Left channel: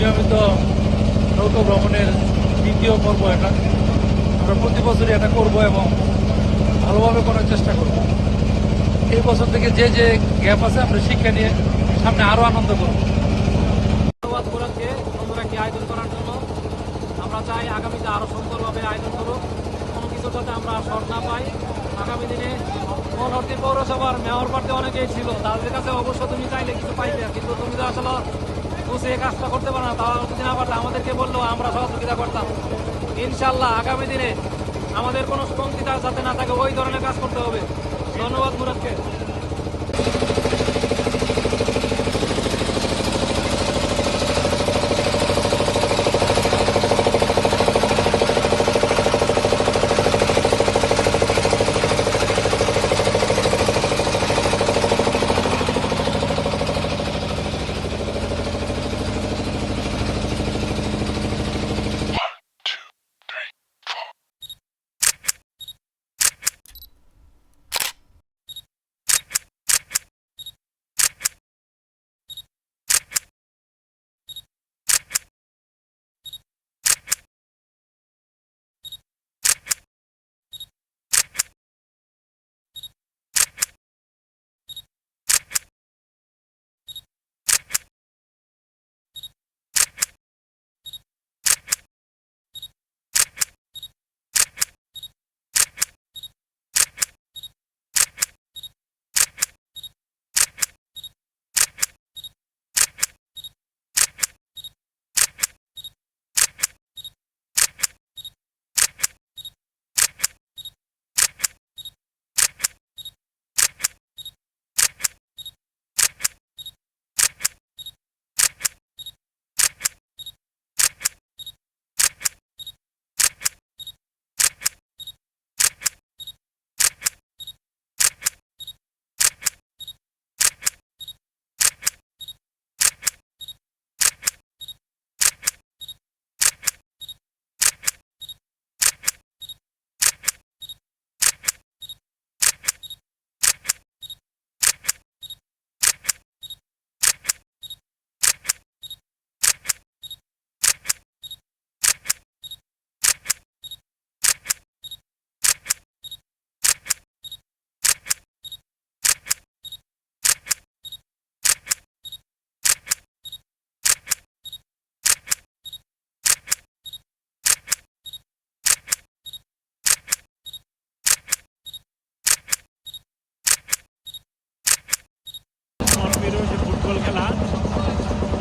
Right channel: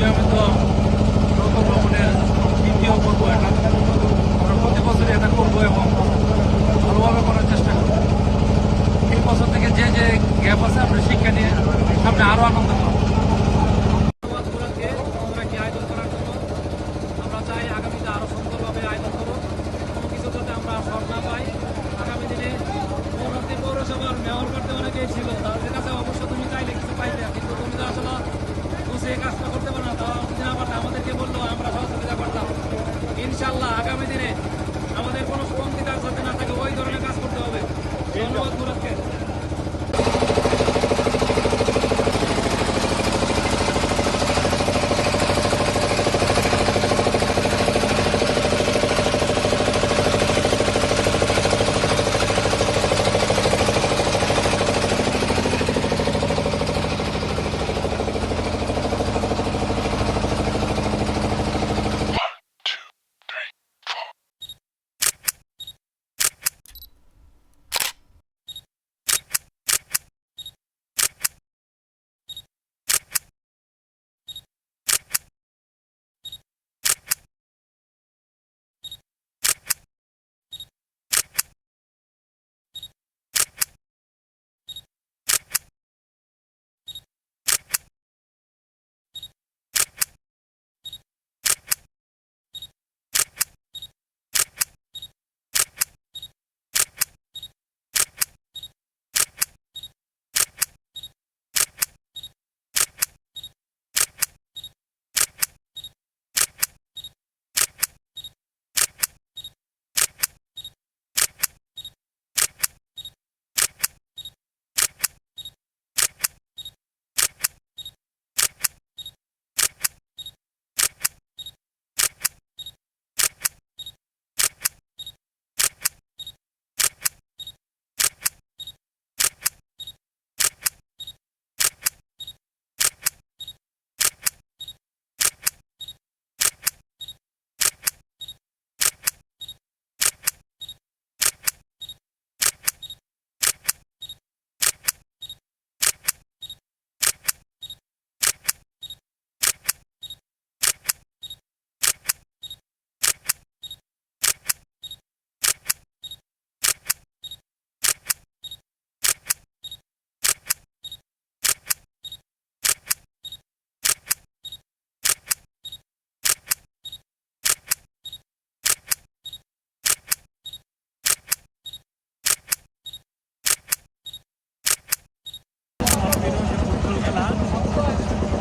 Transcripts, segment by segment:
নিয়মিত নৌকা ভ্রমণের দ্বিতীয় পর্ব এটা। আমরা প্রতি বছরই এটা করবো এবং ভালোভাবে করার চেষ্টা করব। এই বছর থেকে যে যে গ্যাপ আছে আমরা শিক্ষা নিয়ে সামনে আরো আনন্দ করব। আয়োজন করার জন্য আমরা চাই আগামীতে আরো সুন্দরভাবে আয়োজন করুক, কোনো কিছু যাতে আমরা শর্ট না পাই। আগামী দিনে মনোহরদী পৌরসভার মেয়র পার্টি অনেকেই ছিল, তাদের কাছে অবশ্য তুমি চাইলে কিছু পাইতে, কিন্তু তুমি তো আসলে বুঝে কাজটা করতে পারো না। তারা যদি না পারলে আমাদেরকে বললেও আমরা সহযোগিতা করতাম। ইনশাল্লাহ আগামী দিনে আমাদের কোনো কমতিটার সাথে না থাকে, ওই ধরনের কাজ করতে হবে। ধন্যবাদ মুরাদকে।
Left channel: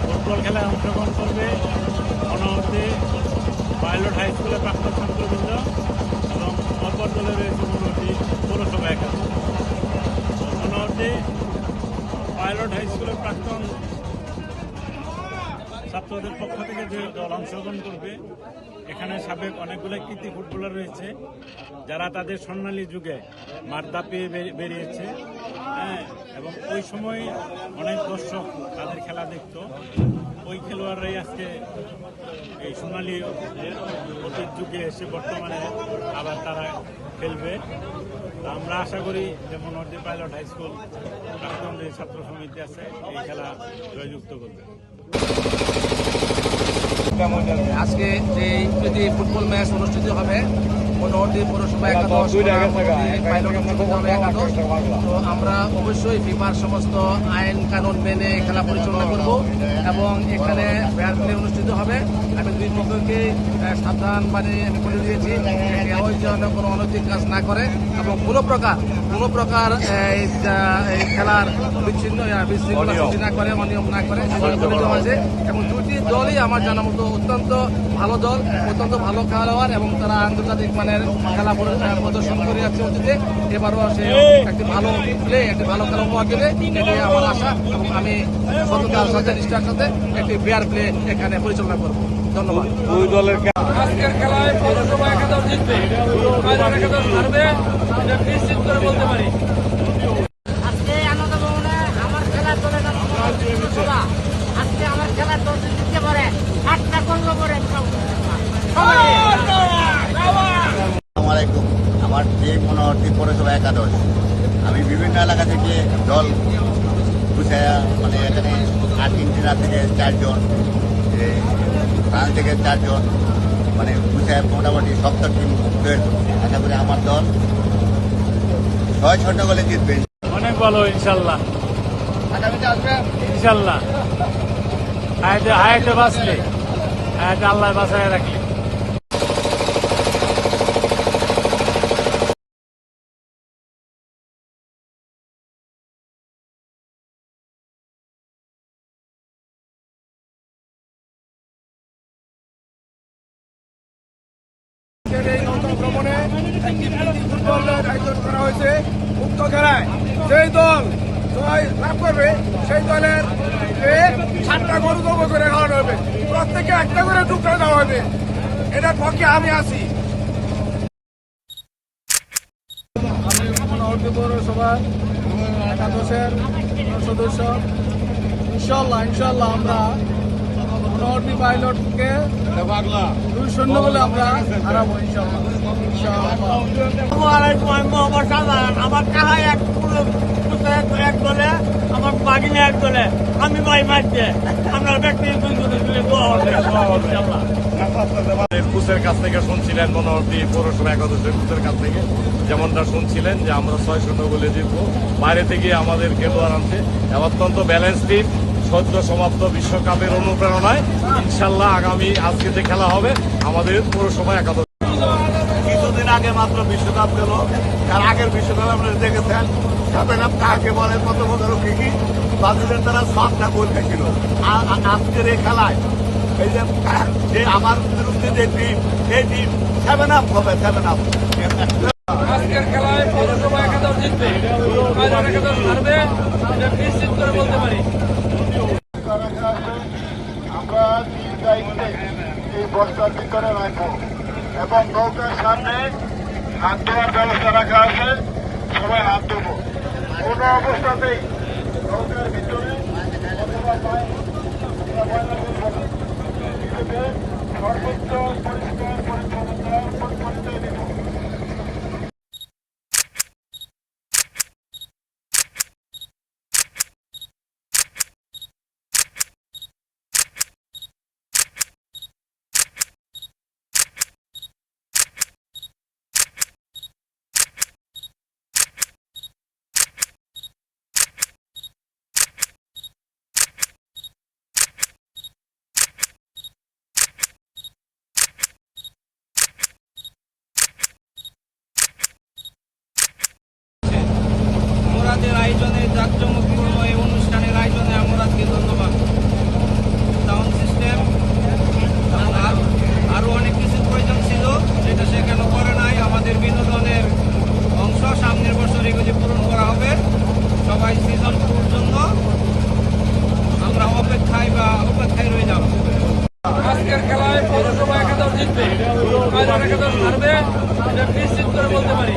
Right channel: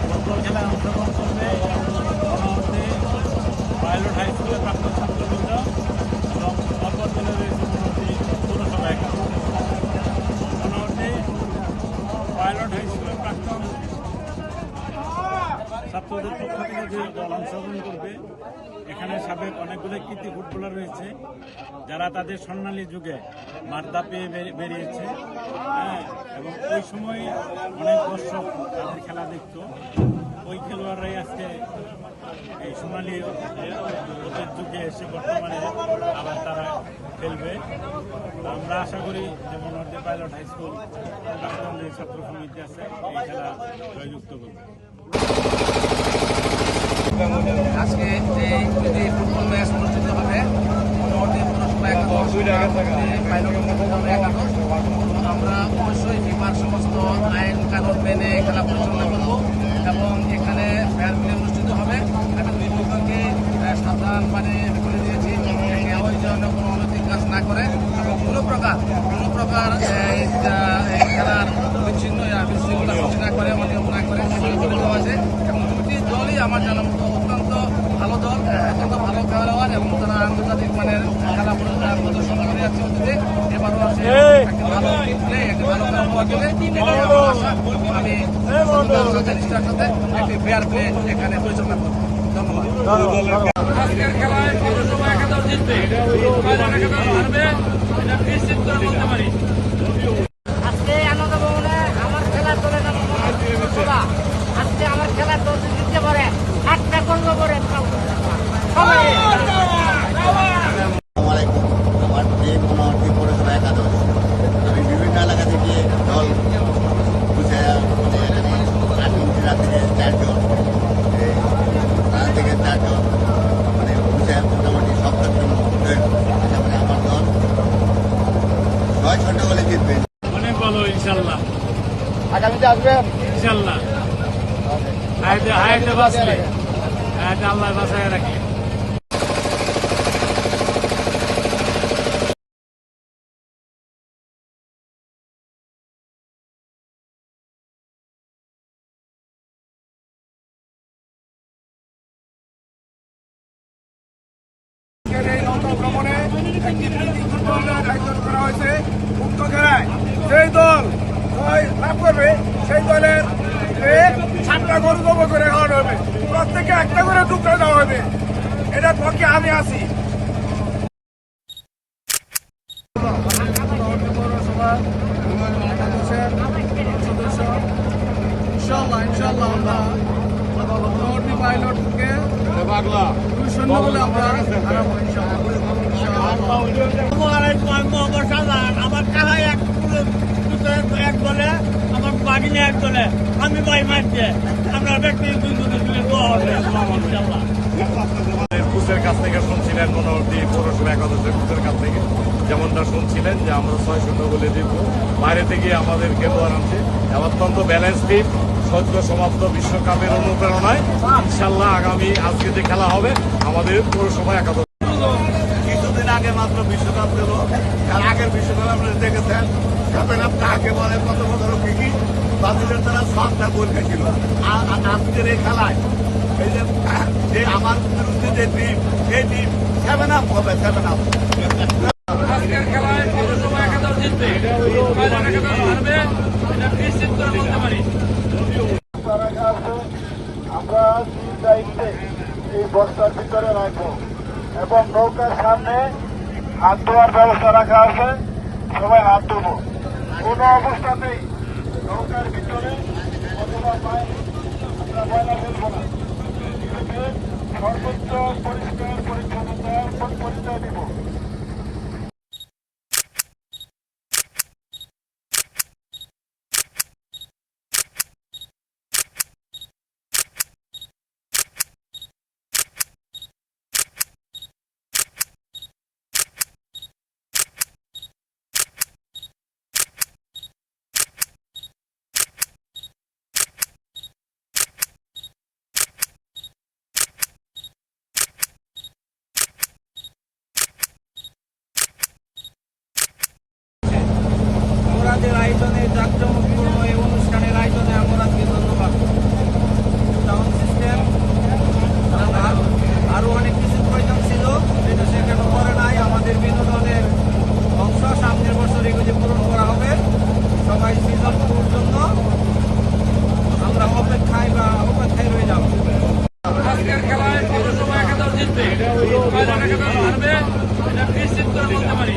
ফুটবল খেলায় অংশগ্রহণ করবে মনোহরদী পাইলট হাই স্কুলের প্রাক্তন ছাত্রবৃন্দ এবং অপর দলে রয়েছে মনোহরদী পৌরসভা একাদশ। মনোহরদী পাইলট হাই স্কুলের প্রাক্তন ছাত্রদের পক্ষ থেকে যে দল অংশগ্রহণ করবে, এখানে সাবেক অনেকগুলো কৃতি ফুটবলার রয়েছে যারা তাদের স্বর্ণালী যুগে মাদ্দা পেয়ে বেরিয়েছে। হ্যাঁ, এবং ওই সময় অনেক দর্শক তাদের খেলা দেখত। ওই খেলোয়াড়রাই আজকে এই সোনালী অতীত যুগে এসে বর্তমানে আবার তারা খেলবে। আমরা আশা করি যে মনোহরদী পাইলট হাই স্কুল প্রাক্তন যে ছাত্র সমিতি আছে এই খেলা জয়যুক্ত করবে। আজকে যে ফুটবল ম্যাচ অনুষ্ঠিত হবে মনোহরদী পৌরসভা একাদশ পাইলট একাদশ, তো আমরা অবশ্যই ফিফার সমস্ত আইন কানুন মেনে খেলা পরিচালনা করব এবং এখানে ফেয়ার প্লে অনুষ্ঠিত হবে। আমি দুই পক্ষকে সাবধান মানে করে দিয়েছি কেউ যেন কোনো অনৈতিক কাজ না করে এবং কোনো প্রকার খেলার বিশৃঙ্খলা সৃষ্টি না করে, অনিয়ম না করে সেগুলো বলে দেওয়া আছে। এবং দুটি দলই আমার জানা মতো অত্যন্ত ভালো দল, অত্যন্ত ভালো খেলোয়াড় এবং তারা আন্তর্জাতিক মানের খেলা প্রদর্শন করে যাচ্ছে অতীতে। এবারও সে একটি ভালো প্লে, একটি ভালো খেলা উপহার দেবে, এটাই আমার আশা এবং আমি সততার সাথে নিষ্ঠার সাথে একটি ফেয়ার প্লে এখানে পরিচালনা করব। ধন্যবাদ। আজকের খেলায় পৌরসভা একাদশ জিতবে, একাদশ হারবে, এটা নিশ্চিত করে বলতে পারি। আজকে আনন্দ ভবনে আমার খেলা চলে যাবে পৌরসভা। আজকে আমার খেলার দল জিততে পারে, 8টা করবো করে আমার যে মনোহরদী পৌরসভা একাদশ, আমি বিভিন্ন এলাকা থেকে দল গুছায়া মানে এখানে 8 ইঞ্চিরা থেকে 4 জন থেকে 4 জন, মানে বুঝে মোটামুটি শক্ত টিম। আশা করি আমার দল 6 গোলে জিতবে। অনেক ভালো ইনশাল্লাহ। আগামীতে আসবে ইনশাল্লাহ হায়াতে বাঁচলে, হায়াতে আল্লাহ বাঁচায় রাখলে। এই নন্দন ভ্রমণে একটি ফুটবলের আয়োজন করা হয়েছে উক্ত খেলায় যেই দল জয় লাভ করবে সেই দলের 7টা গরু জব করে খাওয়ানো হবে, প্রত্যেকে একটা করে টুকরা দেওয়া হবে। এটার পক্ষে আমি আছি। পৌরসভা একাদশের সদস্য ইনশাল্লাহ আমরা নর্থ পাইলটকে 2-0 বলে আমরা হারাবো আমার কাহাই এক দলে, আমার বাগিনে এক দলে, আমি ভাই মারছে আমরা ব্যক্তি 2 জনে মিলে দোয়া হবে ইনশাল্লাহ। কোচের কাছ থেকে শুনছিলেন, মনোহরদী পৌরসভা একাদশের কোচের কাছ থেকে যেমনটা শুনছিলেন যে আমরা 6-0 গোলে জিতবো। বাইরে থেকে আমাদের খেলোয়াড় আনছে, অত্যন্ত ব্যালেন্স টিম। সদ্য সমাপ্ত বিশ্বকাপের অনুপ্রেরণায় ইনশাল্লাহ আগামী আজকে যে খেলা হবে আমাদের পৌরসভা একাদশ। কিছুদিন আগে মাত্র বিশ্বকাপ গেল, তার আগের বিশ্বকাপ আপনারা দেখেছেন। কাপেন আপ কাকে বলে, কত বছর কি ব্রাজিলের তারা 7টা গোল খেয়েছিল। আজকের এই খেলায় এই যে আমার বিরুদ্ধে যে টিম, এই টিম 7 আপ হবে, 7 আপ। আজকের খেলায় পৌরসভা একাদশ জিতবে, একাদশ হারবে, এটা নিশ্চিত করে বলতে পারি। আমরা দায়িত্বে এই বস্তার ভিতরে রাখবো এবং নৌকার সামনে হাত ধোয়ার ব্যবস্থা রাখা আছে, সবাই হাত ধোবো। কোনো অবস্থাতেই নৌকার ভিতরে অথবা ময়লা ফেলবো না। এটাকে সর্বোচ্চ পরিষ্কার পরিচ্ছন্নতা দিব। আমাদের আয়োজনে, জাঁকজমকপূর্ণ এই অনুষ্ঠানের আয়োজনে আমরা আজকে ধন্যবাদ। সাউন্ড সিস্টেম আরো অনেক কিছু প্রয়োজন ছিল, যেটা সেখানে করে নাই। আমাদের বিনোদনের অংশ সামনের বছর এগুলি পূরণ করা হবে। সবাই সিজন 2 জন্য আমরা অপেক্ষায় রইলাম। আজকের খেলায় পৌরসভা একাদশ জিতবে, একাদশ হারবে, এটা নিশ্চিত করে বলতে পারি।